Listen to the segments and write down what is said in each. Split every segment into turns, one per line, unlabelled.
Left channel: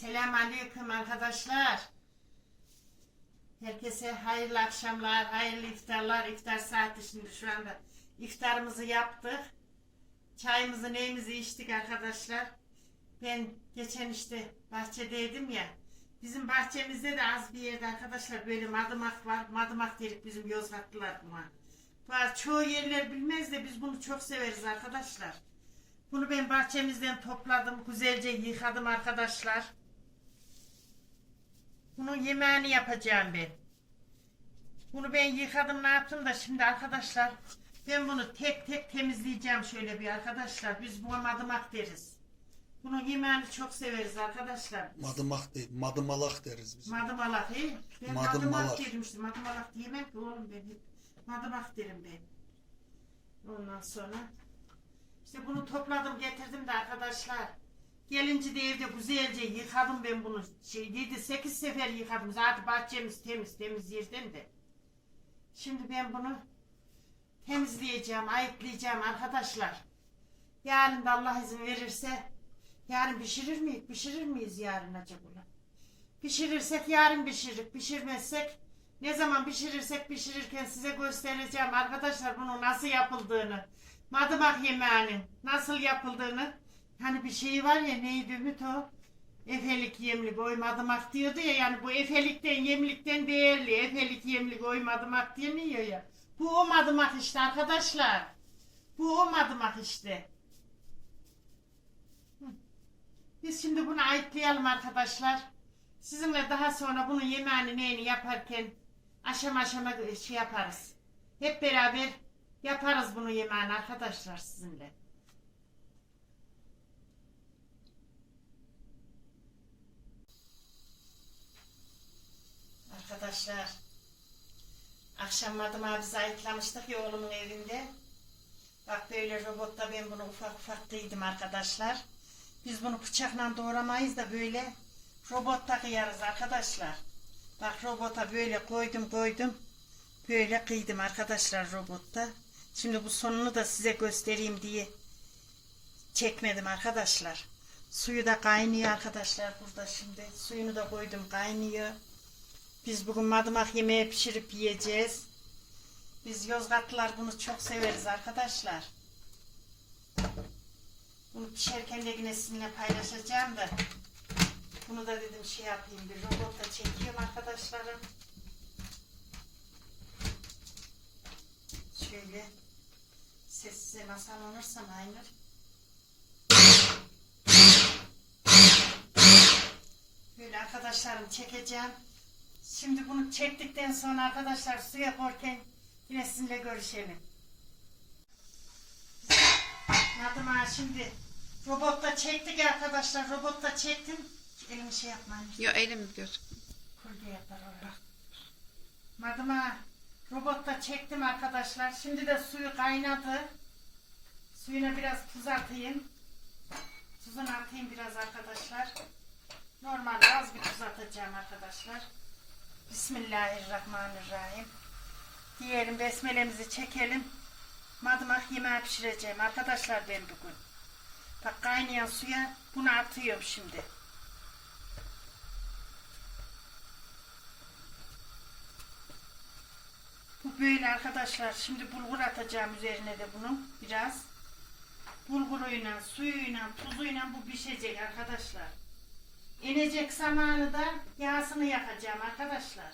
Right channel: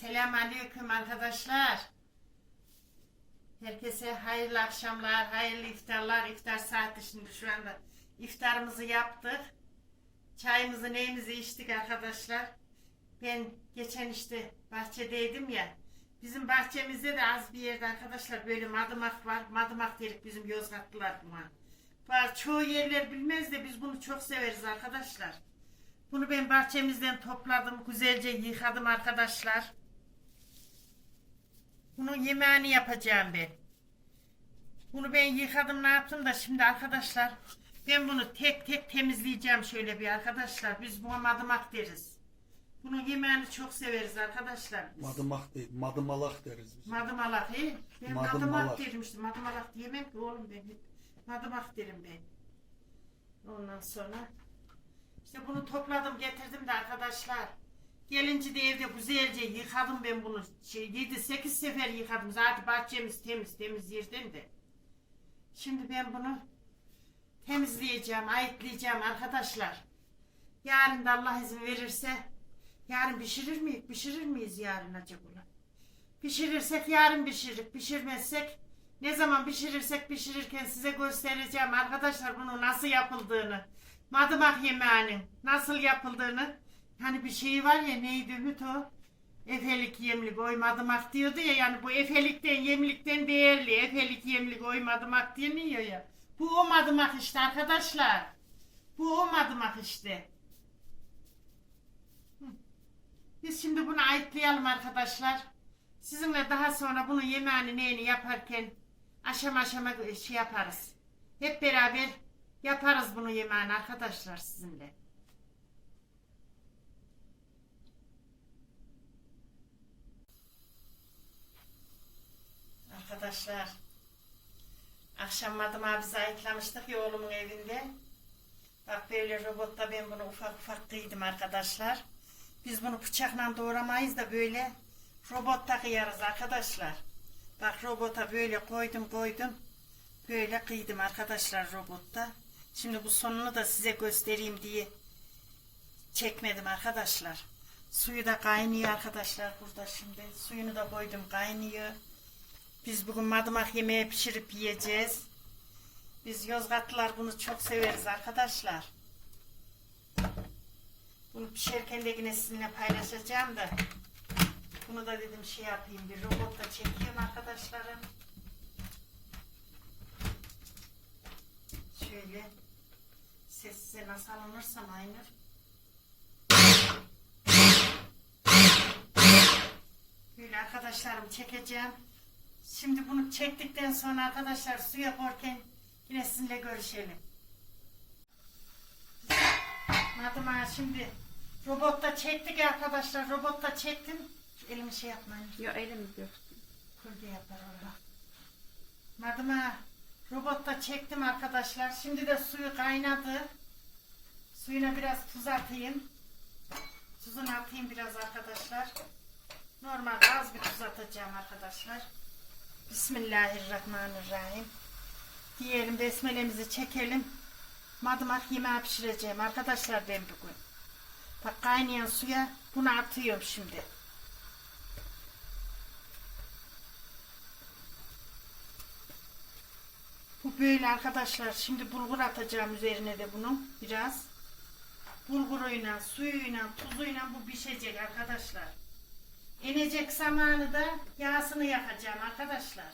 Selamünaleyküm arkadaşlar. Herkese hayırlı akşamlar, hayırlı iftarlar. İftar saati şimdi şu anda iftarımızı yaptık. Çayımızı neyimizi içtik arkadaşlar. Ben geçen işte bahçedeydim ya. Bizim bahçemizde de az bir yerde arkadaşlar böyle madımak var. Madımak dedik bizim Yozgatlılar buna. Var çoğu yerler bilmez de biz bunu çok severiz arkadaşlar. Bunu ben bahçemizden topladım. Güzelce yıkadım arkadaşlar. Bunun yemeğini yapacağım ben. Bunu ben yıkadım ne yaptım da şimdi arkadaşlar ben bunu tek tek temizleyeceğim şöyle bir arkadaşlar. Biz buna madımak deriz. Bunun yemeğini çok severiz arkadaşlar. biz.
Madımak değil, madımalak deriz biz.
Madımalak he? Ben
Madımalak.
madımak derim işte. Madımalak diyemem ki oğlum ben. Madımak derim ben. Ondan sonra işte bunu topladım getirdim de arkadaşlar. Gelince de evde güzelce yıkadım ben bunu. Şey, 7-8 sefer yıkadım. Zaten bahçemiz temiz temiz yerden de. Şimdi ben bunu temizleyeceğim, ayıtlayacağım arkadaşlar. Yarın da Allah izin verirse yarın pişirir miyiz? Pişirir miyiz yarın acaba? Pişirirsek yarın pişiririk. Pişirmezsek ne zaman pişirirsek pişirirken size göstereceğim arkadaşlar bunu nasıl yapıldığını. Madımak yemeğinin nasıl yapıldığını. Hani bir şey var ya neydi Ümit o? Efelik yemlik oy madımak diyordu ya yani bu efelikten yemlikten değerli. Efelik yemlik oy madımak deniyor ya. Bu o madımak işte arkadaşlar. Bu o madımak işte. Biz şimdi bunu ayıtlayalım arkadaşlar. Sizinle daha sonra bunun yemeğini neyini yaparken aşama aşama şey yaparız. Hep beraber yaparız bunu yemeğini arkadaşlar sizinle. Arkadaşlar akşam madıma bizi ayıtlamıştık ya oğlumun evinde. Bak böyle robotta ben bunu ufak ufak kıydım arkadaşlar. Biz bunu bıçakla doğramayız da böyle robotta kıyarız arkadaşlar. Bak robota böyle koydum koydum. Böyle kıydım arkadaşlar robotta. Şimdi bu sonunu da size göstereyim diye çekmedim arkadaşlar. Suyu da kaynıyor arkadaşlar burada şimdi. Suyunu da koydum kaynıyor. Biz bugün madımak yemeği pişirip yiyeceğiz. Biz Yozgatlılar bunu çok severiz arkadaşlar. Bunu pişerken de yine sizinle paylaşacağım da. Bunu da dedim şey yapayım bir robotla çekiyorum arkadaşlarım. Şöyle ses size nasıl alınırsam aynı. Böyle arkadaşlarım çekeceğim. Şimdi bunu çektikten sonra arkadaşlar suya korken yine sizinle görüşelim. Madıma şimdi robotta çektik arkadaşlar. Robotta çektim. Elimi şey yapmayın.
Yo elim diyorsun.
Kurdu yapar orada. Madıma robotta çektim arkadaşlar. Şimdi de suyu kaynadı. Suyuna biraz tuz atayım. Tuzunu atayım biraz arkadaşlar. Normalde az bir tuz atacağım arkadaşlar. Bismillahirrahmanirrahim. Diyelim besmelemizi çekelim. Madımak yemeği pişireceğim arkadaşlar ben bugün. Bak kaynayan suya bunu atıyorum şimdi. Bu böyle arkadaşlar. Şimdi bulgur atacağım üzerine de bunu biraz. Bulguruyla, suyuyla, tuzuyla bu pişecek arkadaşlar. İnecek zamanı da yağsını yakacağım arkadaşlar.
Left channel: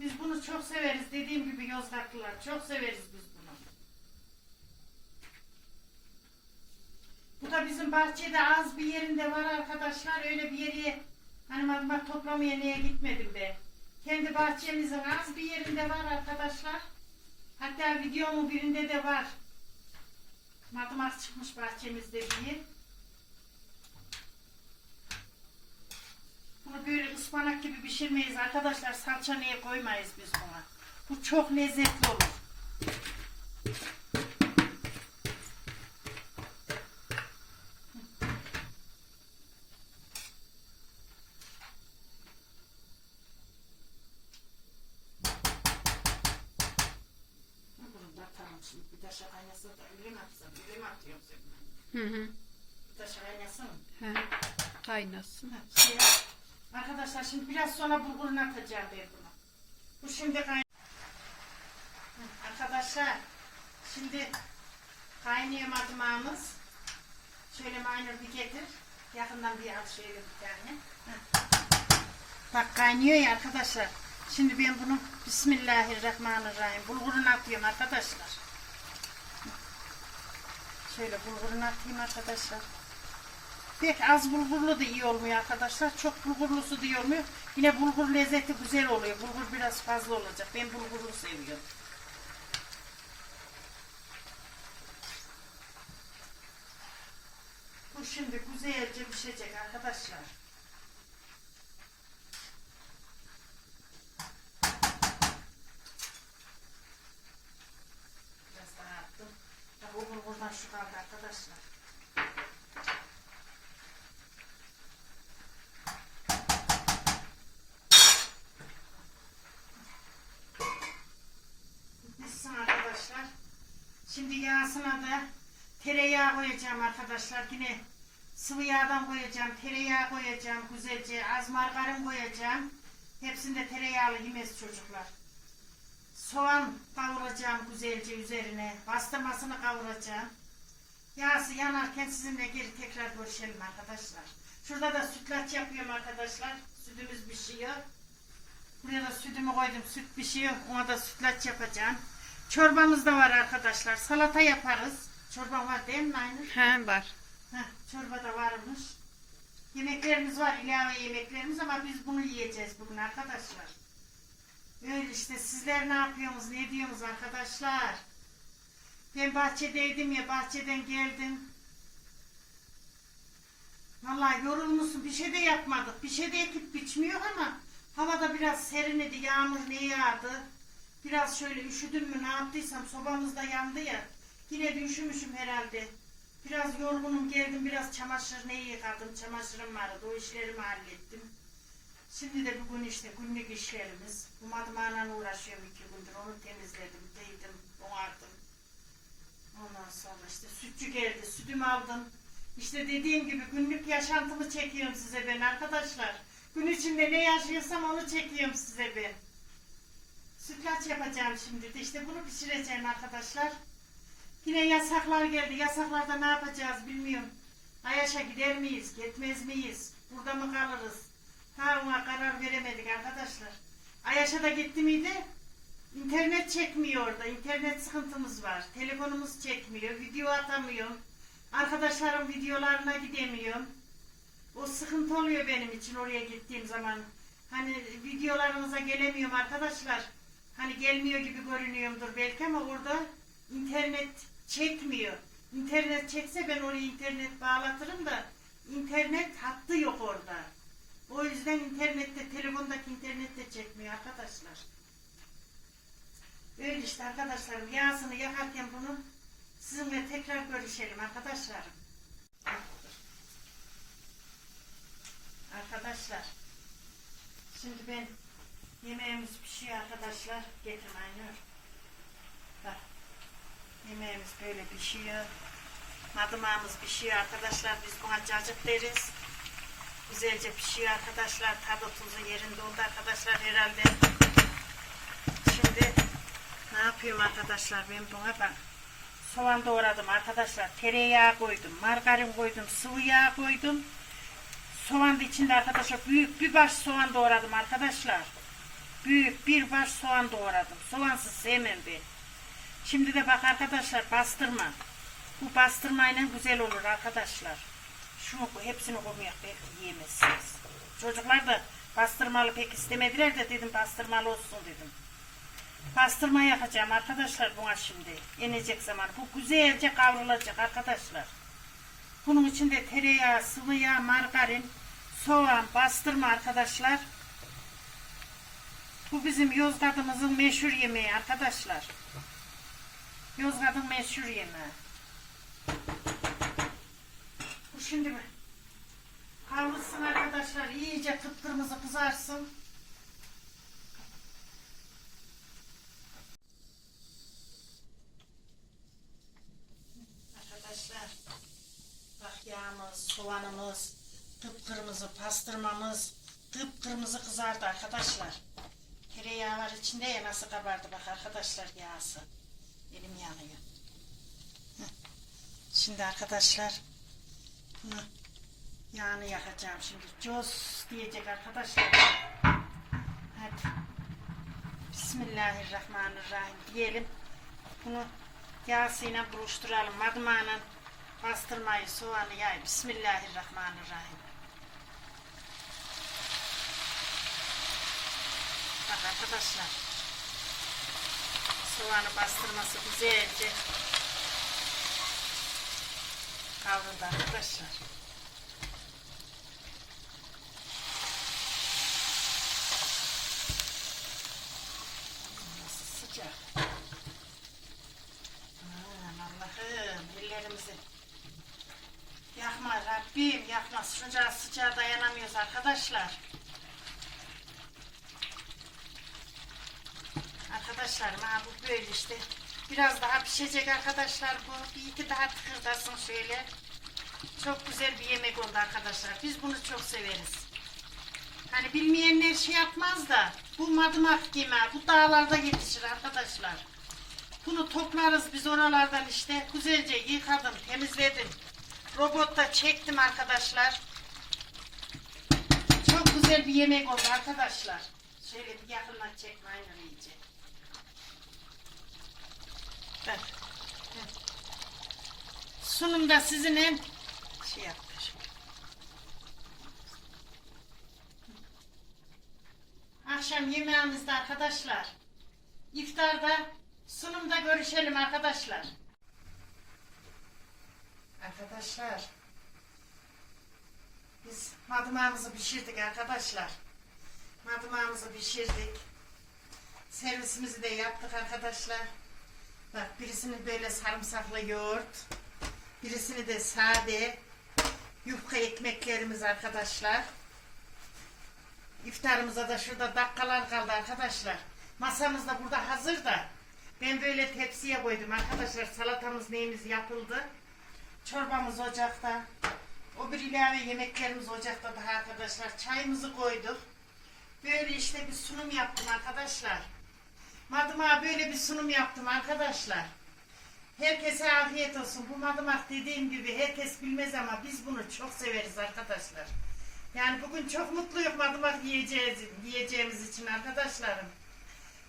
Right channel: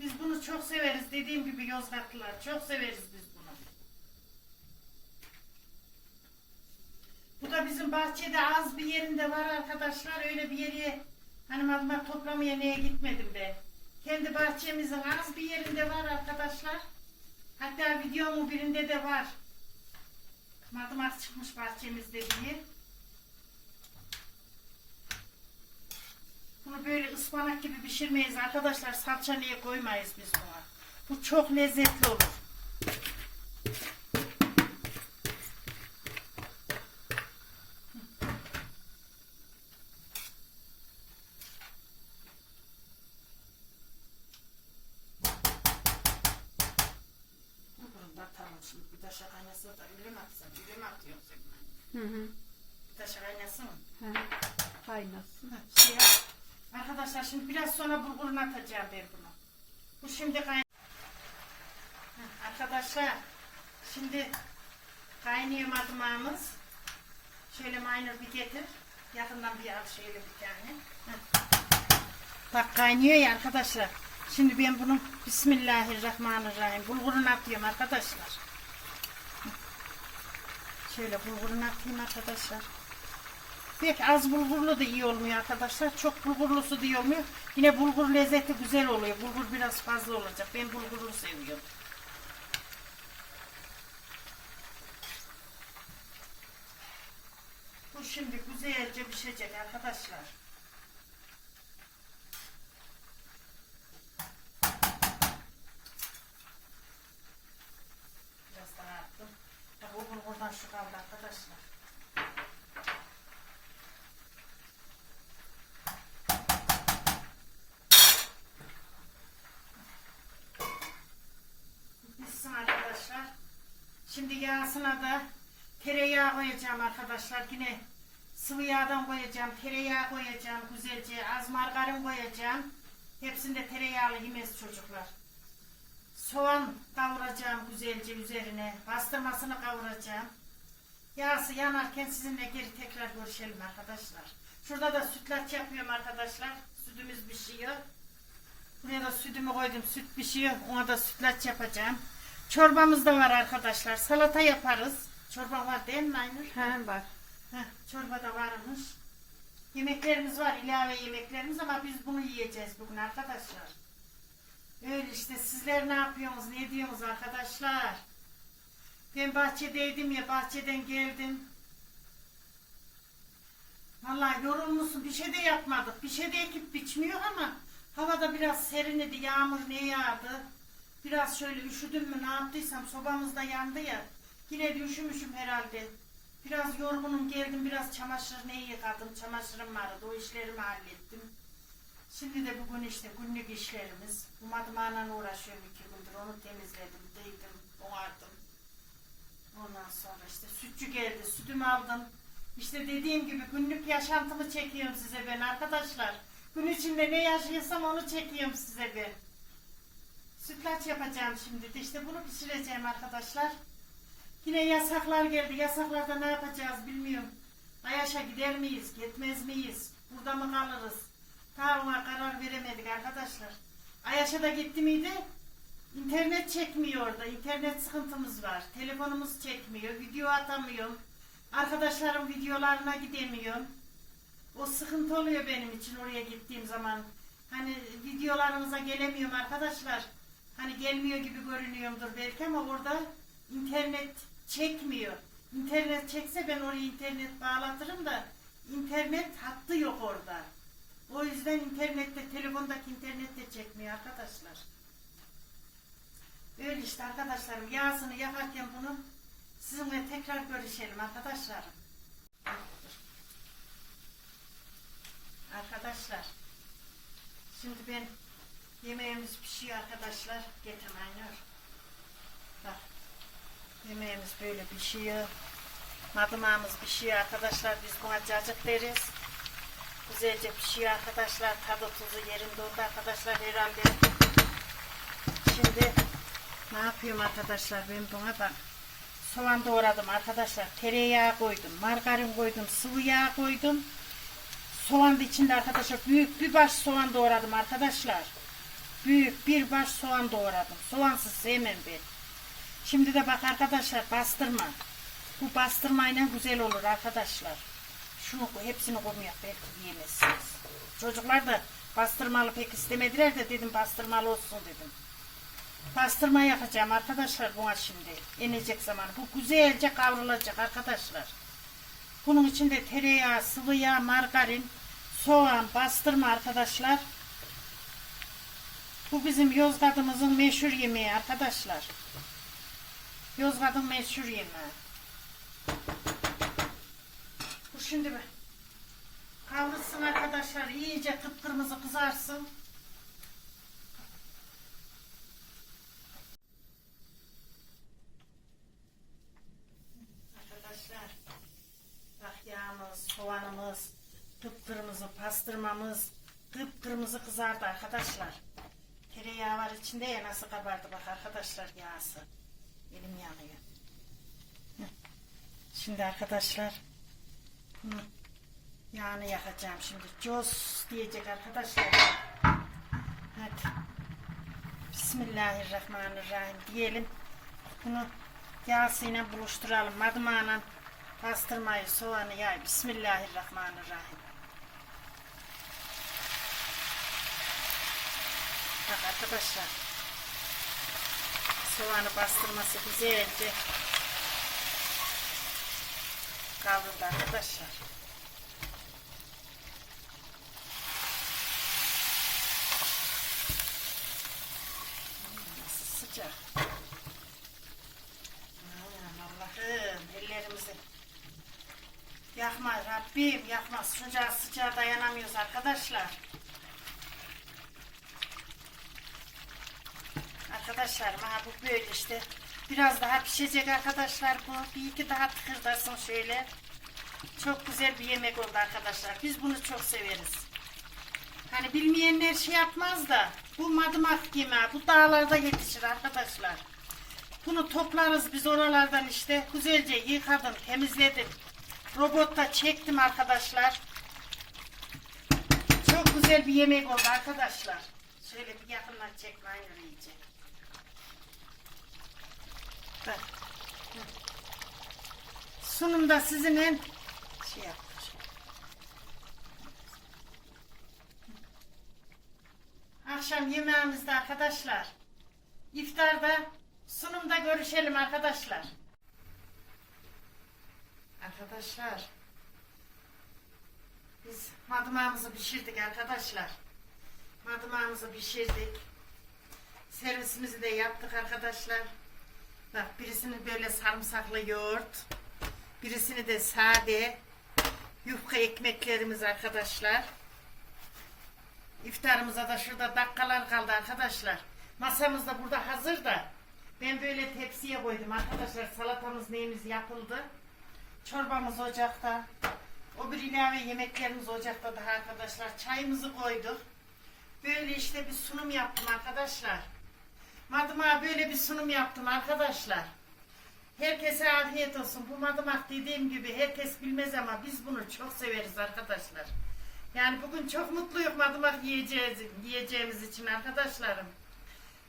Biz bunu çok severiz. Dediğim gibi Yozgatlılar çok severiz biz bunu. Bu da bizim bahçede az bir yerinde var arkadaşlar. Öyle bir yere hani madımak toplamaya neye gitmedim ben. Kendi bahçemizin az bir yerinde var arkadaşlar. Hatta videomun birinde de var. Madımak çıkmış bahçemizde diye. Bunu böyle ıspanak gibi pişirmeyiz arkadaşlar. Salça niye koymayız biz buna. Bu çok lezzetli olur. Şimdi bir taşa kaynasın da öyle mi atsam? Öyle mi atıyorsun sen?
Hı hı.
Bir taşa kaynasın.
Hı. Kaynasın.
Ha, Şey, arkadaşlar şimdi biraz sonra bulgurunu atacağım ben bunu. Bu şimdi kayn... Ha, Arkadaşlar şimdi kaynıyor madmağımız. Şöyle minor bir getir. Yakından bir al şöyle bir tane. Bak kaynıyor ya arkadaşlar. Şimdi ben bunu Bismillahirrahmanirrahim bulgurunu atıyorum arkadaşlar. Şöyle bulgurunu atayım arkadaşlar. Pek az bulgurlu da iyi olmuyor arkadaşlar. Çok bulgurlusu da iyi olmuyor. Yine bulgur lezzeti güzel oluyor. Bulgur biraz fazla olacak. Ben bulgurlu seviyorum. Bu şimdi güzelce pişecek arkadaşlar. Biraz daha attım. Bak o bulgurdan şu kaldı arkadaşlar. Bitsin arkadaşlar. Yağsına da tereyağı koyacağım arkadaşlar. Yine sıvı yağdan koyacağım. Tereyağı koyacağım güzelce. Az margarin koyacağım. Hepsinde tereyağlı yemez çocuklar. Soğan kavuracağım güzelce üzerine. Bastırmasını kavuracağım. Yağsı yanarken sizinle geri tekrar görüşelim arkadaşlar. Şurada da sütlaç yapıyorum arkadaşlar. Sütümüz pişiyor. Buraya da sütümü koydum. Süt pişiyor. Ona da sütlaç yapacağım. Çorbamız da var arkadaşlar. Salata yaparız. Çorba var değil mi Aynur?
He var.
Heh, çorba da varmış. Yemeklerimiz var. ilave yemeklerimiz ama biz bunu yiyeceğiz bugün arkadaşlar. Öyle işte sizler ne yapıyorsunuz? Ne diyorsunuz arkadaşlar? Ben bahçedeydim ya bahçeden geldim. Vallahi yorulmuşsun. Bir şey de yapmadık. Bir şey de ekip biçmiyor ama havada biraz serinledi. Yağmur ne yağdı? Biraz şöyle üşüdüm mü ne yaptıysam sobamız da yandı ya. Yine de üşümüşüm herhalde. Biraz yorgunum geldim. Biraz çamaşır ne yıkadım. Çamaşırım vardı. O işlerimi hallettim. Şimdi de bugün işte günlük işlerimiz. Bu madımayla uğraşıyorum iki gündür. Onu temizledim, değdim, boğardım. Ondan sonra işte sütçü geldi, sütümü aldım. İşte dediğim gibi günlük yaşantımı çekiyorum size ben arkadaşlar. Gün içinde ne yaşıyorsam onu çekiyorum size ben. Sütlaç yapacağım şimdi de işte bunu pişireceğim arkadaşlar. Yine yasaklar geldi. Yasaklarda ne yapacağız bilmiyorum. Ayaş'a gider miyiz, gitmez miyiz? Burada mı kalırız? Daha ona karar veremedik arkadaşlar. Ayaş'a da gitti miydi? İnternet çekmiyor orada. İnternet sıkıntımız var. Telefonumuz çekmiyor. Video atamıyorum. Arkadaşlarım videolarına gidemiyorum. O sıkıntı oluyor benim için oraya gittiğim zaman. Hani videolarınıza gelemiyorum arkadaşlar. Hani gelmiyor gibi görünüyorumdur belki ama orada internet çekmiyor. İnternet çekse ben oraya internet bağlatırım da internet hattı yok orada. O yüzden internette, telefondaki internet de çekmiyor arkadaşlar. Öyle işte arkadaşlarım. Yağsını yakarken bunu sizinle tekrar görüşelim arkadaşlarım. Arkadaşlar. Şimdi ben yemeğimiz pişiyor arkadaşlar. Getir. Bak. Yemeğimiz böyle pişiyor. Madımağımız pişiyor arkadaşlar. Biz buna cacık deriz. Güzelce pişiyor arkadaşlar. Tadı tuzu yerinde oldu arkadaşlar herhalde. Şimdi ne yapıyorum arkadaşlar ben buna bak. Soğan doğradım arkadaşlar. Tereyağı koydum. Margarin koydum. Sıvı yağ koydum. Soğan içinde arkadaşlar. Büyük bir baş soğan doğradım arkadaşlar. Büyük bir baş soğan doğradım. Soğansız sevmem ben. Şimdi de bak arkadaşlar bastırma. Bu bastırmayla güzel olur arkadaşlar. Şunu hepsini koymayak belki yiyemezsiniz. Çocuklar da bastırmalı pek istemediler de dedim bastırmalı olsun dedim. Bastırma yapacağım arkadaşlar buna şimdi. Inecek zaman. Bu güzelce kavrulacak arkadaşlar. Bunun içinde tereyağı, sıvı yağ, margarin, soğan, bastırma arkadaşlar. Bu bizim Yozgat'ımızın meşhur yemeği arkadaşlar. Yozgat'ın meşhur yemeği. Bu şimdi bir kavrulsun arkadaşlar. iyice kıpkırmızı kızarsın. Arkadaşlar bak yağımız, soğanımız kıpkırmızı pastırmamız kıpkırmızı kızardı arkadaşlar. Tereyağı var içinde ya nasıl kabardı bak arkadaşlar yağsı. Elim yanıyor. Şimdi arkadaşlar bunu yağını yakacağım şimdi. Cos diyecek arkadaşlar. Hadi. Bismillahirrahmanirrahim diyelim. Bunu yağsıyla buluşturalım. Madmağla pastırmayı, soğanı yay. Bismillahirrahmanirrahim. Bak arkadaşlar. Soğanı bastırması güzeldi. Kavruldu arkadaşlar. Sıcak. Allah'ım ellerimizi yakma Rabbim yakma sıcağı sıcağı dayanamıyoruz arkadaşlar. Arkadaşlar ha bu böyle işte biraz daha pişecek arkadaşlar bu bir iki daha tıkırdasın şöyle. Çok güzel bir yemek oldu arkadaşlar. Biz bunu çok severiz. Hani bilmeyenler şey yapmaz da bu madımak yemeği bu dağlarda yetişir arkadaşlar. Bunu toplarız biz oralardan işte. Güzelce yıkadım, temizledim. Robotta çektim arkadaşlar. Çok güzel bir yemek oldu arkadaşlar. Şöyle bir yakından çekme aynı iyice. Bak. Sunumda sizin en şey yaptım. Akşam yemeğimizde arkadaşlar. İftarda sunumda görüşelim arkadaşlar. Arkadaşlar. Biz madımağımızı pişirdik arkadaşlar. Madımağımızı pişirdik. Servisimizi de yaptık arkadaşlar. Bak birisini böyle sarımsaklı yoğurt. Birisini de sade. Yufka ekmeklerimiz arkadaşlar. İftarımıza da şurada dakikalar kaldı arkadaşlar. Masamız da burada hazır da. Ben böyle tepsiye koydum arkadaşlar. Salatamız neyimiz yapıldı. Çorbamız ocakta. O bir ilave yemeklerimiz ocakta daha arkadaşlar. Çayımızı koyduk. Böyle işte bir sunum yaptım arkadaşlar. Madımağa böyle bir sunum yaptım arkadaşlar. Herkese afiyet olsun. Bu madımak dediğim gibi herkes bilmez ama biz bunu çok severiz arkadaşlar. Yani bugün çok mutluyum madımak yiyeceğiz, yiyeceğimiz için arkadaşlarım.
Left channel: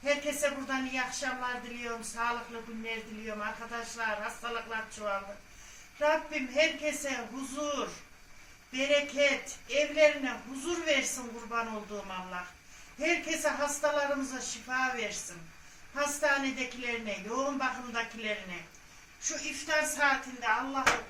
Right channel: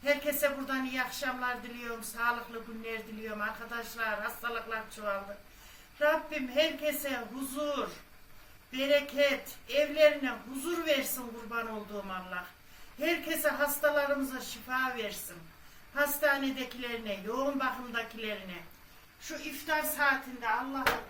Herkese buradan iyi akşamlar diliyorum, sağlıklı günler diliyorum arkadaşlar. Hastalıklar çoğaldı. Rabbim herkese huzur, bereket, evlerine huzur versin kurban olduğum Allah. Herkese hastalarımıza şifa versin. Hastanedekilerine, yoğun bakımdakilerine. Şu iftar saatinde Allah'ım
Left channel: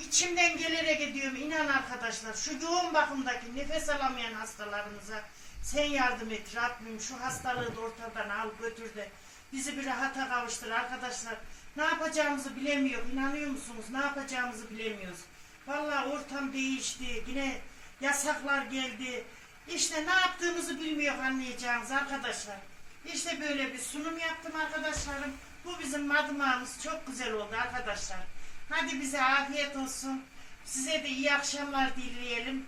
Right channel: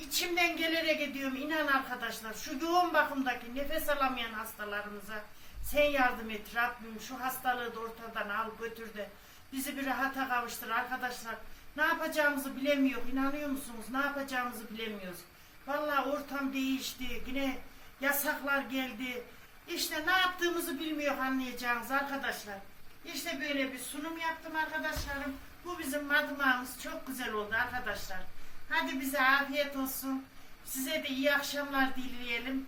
içimden gelerek ediyorum inan arkadaşlar. Şu yoğun bakımdaki nefes alamayan hastalarımıza sen yardım et Rabbim. Şu hastalığı da ortadan al götür de bizi bir rahata kavuştur arkadaşlar. Ne yapacağımızı bilemiyor. İnanıyor musunuz? Ne yapacağımızı bilemiyoruz. Vallahi ortam değişti. Yine yasaklar geldi. İşte ne yaptığımızı bilmiyor anlayacağınız arkadaşlar. İşte böyle bir sunum yaptım arkadaşlarım. Bu bizim madımağımız çok güzel oldu arkadaşlar. Hadi bize afiyet olsun. Size de iyi akşamlar dileyelim.